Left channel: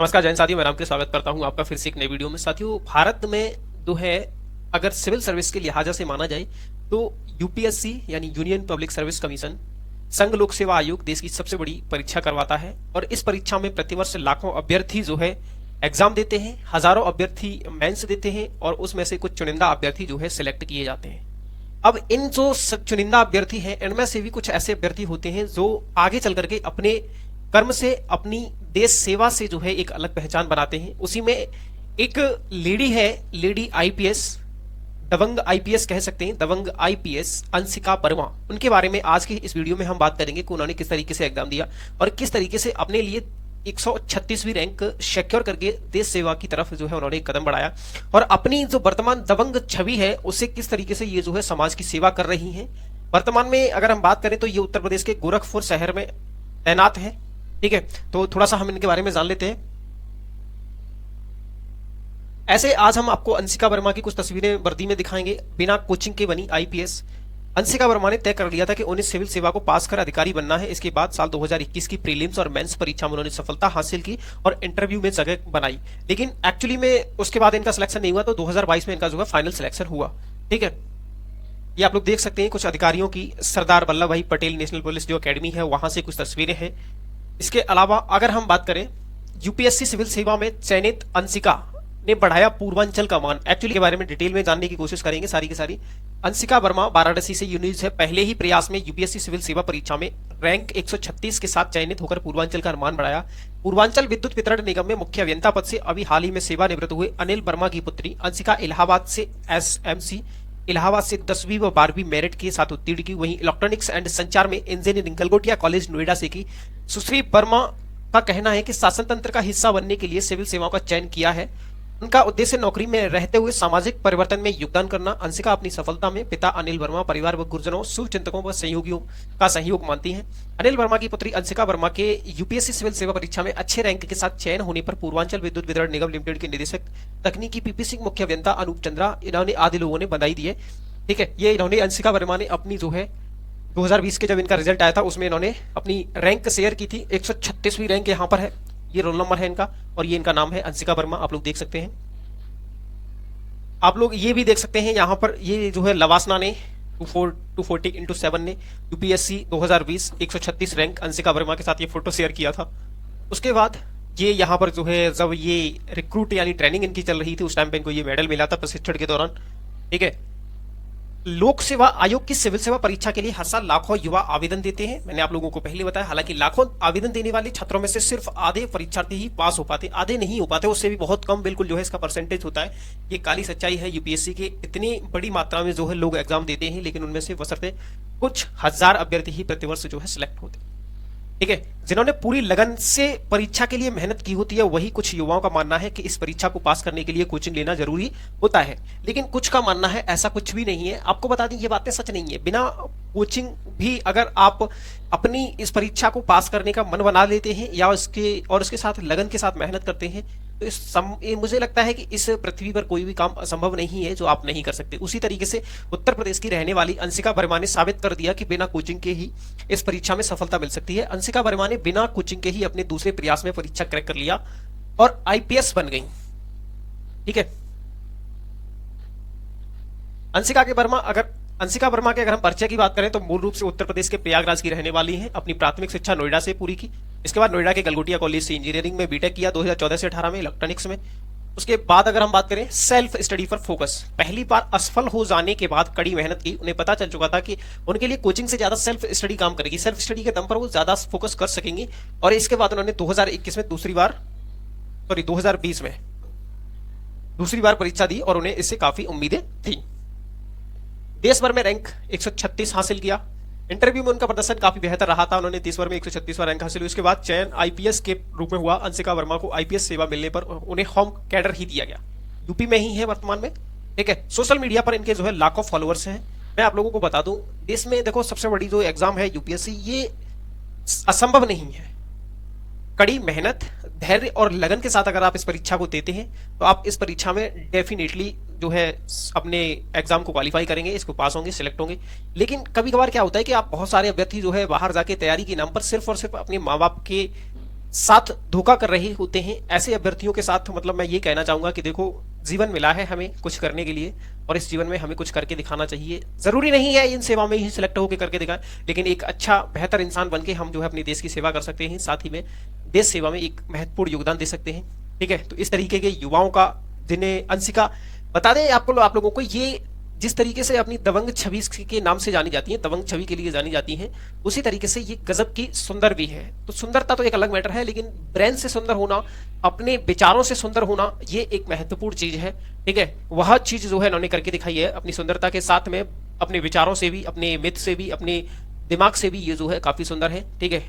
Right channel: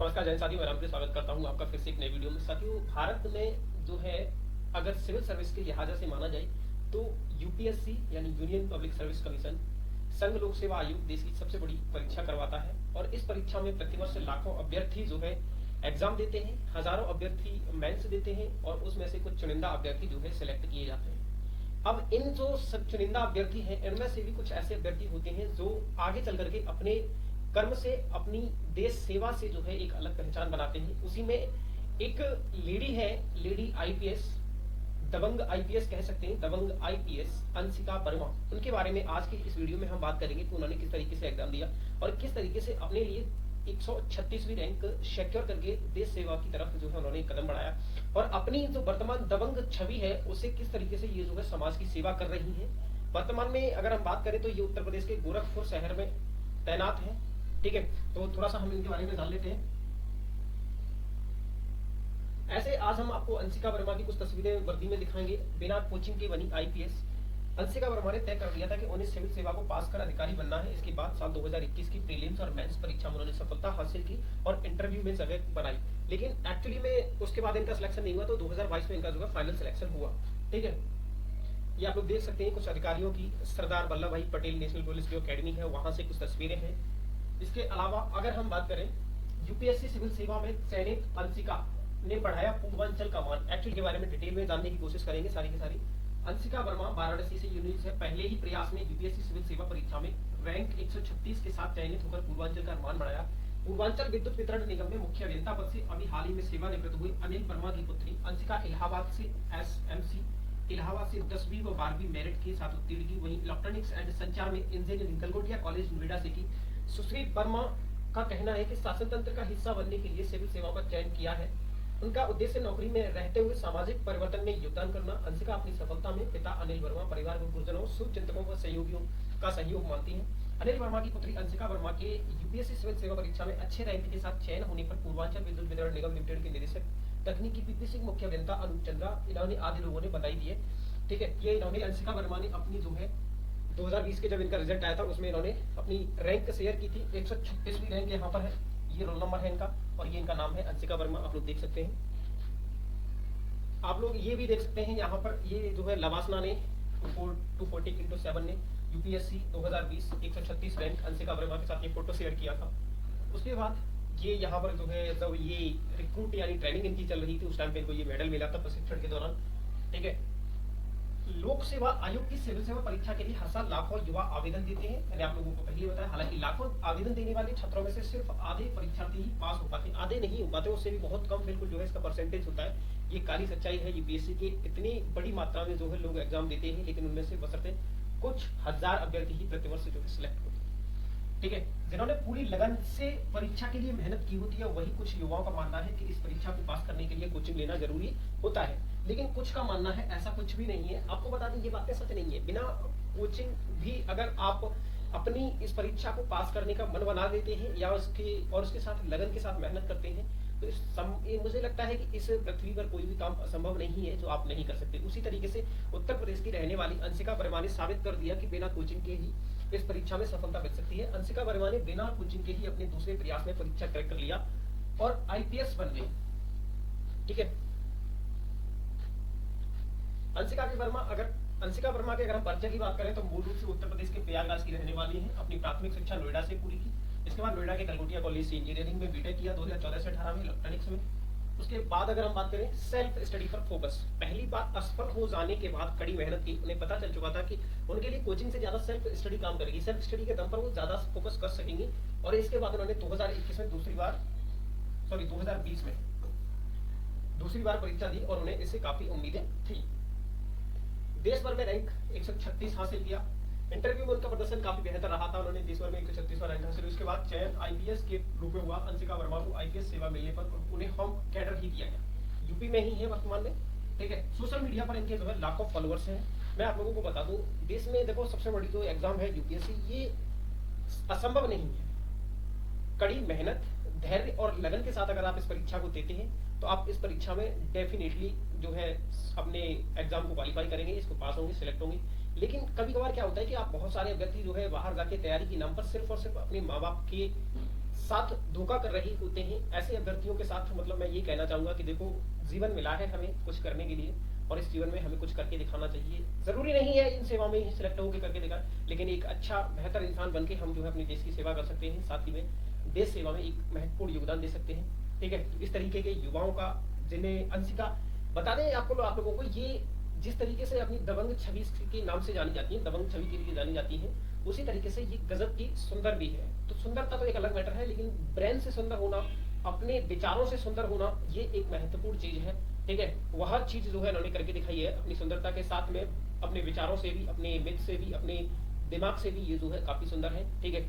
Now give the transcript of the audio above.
नमस्कार जैन साथियों, मैं राम के स्वागत करता हूं आपका फिर से एक नई वीडियो में। साथियों, भारत में जो है अगर सिविल सर्विस के लिहाजा से माना जाए तो यूपीएससी यानी यूनियन पब्लिक सर्विस कमीशन संघ लोक सेवा आयोग देश की सबसे बड़ी परीक्षा करवाता है और इस परीक्षा में प्रतिवर्ष लाखों अभ्यर्थी जो है एग्जाम देते हैं, हजारों अभ्यर्थी मेंस देते हैं और उसमें से कुछ चुनिंदा अभ्यर्थी जो है सिलेक्ट किए जाते हैं। अब इन जो चुनिंदा अभ्यर्थी हैं इनमें से भी कुछ ऐसे अभ्यर्थी होते हैं जो आगे चल करके अपने कर्म से, अपनी देश सेवा से जो है एक अलग पहचान बनाते हैं। उसी में एक लेडी है, लेडी आईपीएस, दबंग आईपीएस कह सकते हैं, दबंग आईपीएस अंशिका वर्मा। उनके बारे में आज की इस वीडियो में हम बात करेंगे कि उन्होंने किस तरीके से एग्जाम दिया और किस तरीके से अपने लिए 136वीं रैंक सिक्योर करके देश सेवा की तरफ जो है उन्होंने एक कदम बढ़ाया और अपनी जो वर्तमान दबंग छवि है उसे किस तरीके से ये जो है समाज की सेवा कर रही हैं। वर्तमान में अगर हम बात करें तो ये उत्तर प्रदेश के गोरखपुर शहर में तैनात है। ठीक है, तो थोड़ा सा हम इनके बारे में जान लेते हैं। ऐसे आज हम आपको अंशिका वर्मा की कुछ तस्वीरें वर्दी में दिखाएंगे। बिना कोचिंग के बनी आईपीएस अंशिका वर्मा ने तय कर लिया था कि उन्हें सिविल सेवा को पास कर अधिकारी बनना है। इसके बाद साल 2021 की प्रीलिम्स और मेंस परीक्षा में उन्होंने सफलता हासिल की और इंटरव्यू में जगह बनाई, लेकिन एक्चुअली में उसके बाद इनका सिलेक्शन नहीं हुआ, तो 2022 में इनका जो है फाइनल सिलेक्शन हुआ। ठीक है, ये आप लोग देख सकते हैं कुछ अधिकारियों की सरदार वल्लभ भाई पटेल नेशनल पुलिस जो अकेडमी है वहां से कुछ तस्वीरें हैं। इसके अलावा अगर हम बात करें यूपीएससी सिविल सेवा में चयनित अंशिका ने बढ़ाया पूर्वांचल का मान। एक्चुअली के बारे में डिटेल में जानने की कोशिश करेंगे सारी की सारी। अंशिका वर्मा वाराणसी से यूनिट है, पहले ही प्रयास में यूपीएससी सिविल सेवा परीक्षा में रैंक 136 के साथ चयनित होकर पूर्वांचल का मान बढ़ाया। पूर्वांचल विद्युत वितरण निगम में मुख्य अभियंता पद से अभी हाल ही में सेवानिवृत्त हुए अनिल वर्मा की पुत्री अंशिका इलाहाबाद से एसएमसी इलाहाबाद से 10वीं व 12वीं मेरिट के साथ उत्तीर्ण की। वहीं इलेक्ट्रॉनिक्स एंड संचार में इंजीनियरिंग गलगोटिया कॉलेज नोएडा से की। सुश्री वर्मा का कहना है कि शासन तंत्र का हिस्सा बनने के लिए सिविल सेवाओं का चयन किया है। उनका उद्देश्य नौकरी में रहते हुए सामाजिक परिवर्तन में योगदान करना। अंशिका अपनी सफलता में पिता अनिल वर्मा, परिवार व गुरुजनों, शुभचिंतकों व सहयोगियों का सहयोग मानती हैं। अनिल वर्मा की पुत्री अंशिका वर्मा के यूपीएससी सिविल सेवा परीक्षा में अच्छे रैंक के साथ चयन होने पर पूर्वांचल विद्युत वितरण निगम लिमिटेड के निदेशक तकनीकी पीपी सिंह, मुख्य अभियंता अनूप चंद्रा, इन्होंने आदि लोगों ने बधाई दी है। ठीक है, ये इन्होंने अंशिका वर्मा ने अपनी जो है 2020 के जब इनका रिजल्ट आया था उसमें इन्होंने अपनी रैंक शेयर की थी। 136वीं रैंक यहाँ पर है, ये रोल नंबर है इनका और ये इनका नाम है अंशिका वर्मा। आप लोग देख सकते हैं, आप लोग ये भी देख सकते हैं यहाँ पर, ये जो है लवासना ने 240x7 ने यूपीएससी 2020 136 रैंक अंशिका वर्मा के साथ ये फोटो शेयर किया था। उसके बाद ये यहाँ पर जो है जब ये रिक्रूट यानी ट्रेनिंग इनकी चल रही थी उस टाइम पे इनको ये मेडल मिला था प्रशिक्षण के दौरान। ठीक है, लोक सेवा आयोग की सिविल सेवा परीक्षा के लिए हर साल लाखों युवा आवेदन देते हैं। मैंने आप लोगों को पहले बताया, हालांकि लाखों आवेदन देने वाले छात्रों में से सिर्फ आधे परीक्षार्थी ही पास हो पाते, आधे नहीं हो पाते, उससे भी बहुत कम बिल्कुल जो है इसका परसेंटेज होता है। ये काली सच्चाई है यूपीएससी की। इतनी बड़ी मात्रा में जो है लोग एग्जाम देते हैं लेकिन उनमें से बशर्ते कुछ हजार अभ्यर्थी ही प्रतिवर्ष जो है सिलेक्ट होते हैं। ठीक है, जिन्होंने पूरी लगन से परीक्षा के लिए मेहनत की होती है वही कुछ युवाओं का मानना है कि इस परीक्षा को पास करने के लिए कोचिंग लेना जरूरी होता है, लेकिन कुछ का मानना है ऐसा कुछ भी नहीं है। आपको बता दें ये बातें सच नहीं है। बिना कोचिंग भी अगर आप अपनी इस परीक्षा को पास करने का मन बना लेते हैं या उसके साथ लगन के साथ मेहनत करते हैं तो मुझे लगता है कि इस पृथ्वी पर कोई भी काम असंभव नहीं है जो आप नहीं कर सकते। उसी तरीके से उत्तर प्रदेश की रहने वाली अंशिका वर्मा ने साबित कर दिया कि बिना कोचिंग के ही इस परीक्षा में सफलता मिल सकती है। अंशिका वर्मा ने बिना कोचिंग के ही अपने दूसरे प्रयास में परीक्षा क्रैक कर लिया और आईपीएस बन गई। ठीक है, अंशिका वर्मा के अगर हम परिचय की बात करें तो मूल रूप से उत्तर प्रदेश के प्रयागराज की रहने वाली हैं। अपनी प्राथमिक शिक्षा नोएडा से पूरी की। इसके बाद नोएडा के गलगोटिया कॉलेज से इंजीनियरिंग में बीटेक किया 2014 से 18 में इलेक्ट्रॉनिक्स में। उसके बाद अगर हम बात करें सेल्फ स्टडी पर फोकस, पहली बार असफल हो जाने के बाद कड़ी मेहनत की। उन्हें पता चल चुका था कि उनके लिए कोचिंग से ज्यादा सेल्फ स्टडी काम करेगी, सेल्फ स्टडी के दम पर वो ज्यादा फोकस कर सकेंगे। और इसके बाद उन्होंने 2020 में दूसरी बार परीक्षा दी और उन्हें इससे काफी उम्मीदें थी। देश भर में रैंक 136 हासिल किया। इंटरव्यू में उनका प्रदर्शन काफी बेहतर रहा था, उन्होंने देश भर में 136वां रैंक हासिल हुई। उसके बाद चयन आईपीएस के रूप में हुआ। अंशिका वर्मा को आईपीएस सेवा मिलने पर उन्हें होम कैडर ही दिया गया। यूपी में ही है वर्तमान में। ठीक है, सोशल मीडिया पर इनके जो है लाखों फॉलोअर्स हैं। मैं आप लोगों को बता दूं, देश में देखो सबसे बड़ी जो एग्जाम है यूपीएससी, ये असंभव नहीं है। कड़ी मेहनत, धैर्य और लगन के साथ अगर आप इस परीक्षा को देते हैं तो आप इस परीक्षा में डेफिनेटली जो है अपने एग्जाम को क्वालिफाई करेंगे, इसको पास होंगे, सिलेक्ट होंगे। लेकिन कभी कभार क्या होता है कि आप बहुत सारे अभ्यर्थी जो है बाहर जाके तैयारी के नाम पर सिर्फ और सिर्फ अपने माँ बाप के साथ धोखा कर रहे होते हैं। ऐसे अभ्यर्थियों के साथ मतलब मैं ये कहना चाहूंगा कि देखो, जीवन मिला है हमें कुछ करने के लिए और इस जीवन में हमें कुछ करके दिखाना चाहिए। जरूरी नहीं है इन सेवा में ही सिलेक्ट होकर करके दिखाएं, लेकिन एक अच्छा बेहतर इंसान बन के हम जो है अपने देश की सेवा कर सकते हैं, साथ ही में देश सेवा में एक महत्वपूर्ण योगदान दे सकते हैं। ठीक है, तो इस तरीके के युवाओं का जिन्हें अंशिका, बता दें आप लोगों को, ये जिस तरीके से अपनी दबंग छवि के नाम से जानी जाती हैं, दबंग छवि के लिए जानी जाती हैं, उसी तरीके से ये गजब की सुंदर भी है। तो सुंदरता तो एक अलग मैटर है, लेकिन ब्रेन से सुंदर होना, अपने विचारों से सुंदर होना, ये एक महत्वपूर्ण चीज है। ठीक है, वह चीज जो है इन्होंने करके दिखाई है अपनी सुंदरता के साथ में, अपने विचारों से भी, अपने मिथ से भी, अपने दिमाग से भी, ये जो है काफी सुंदर है। ठीक है।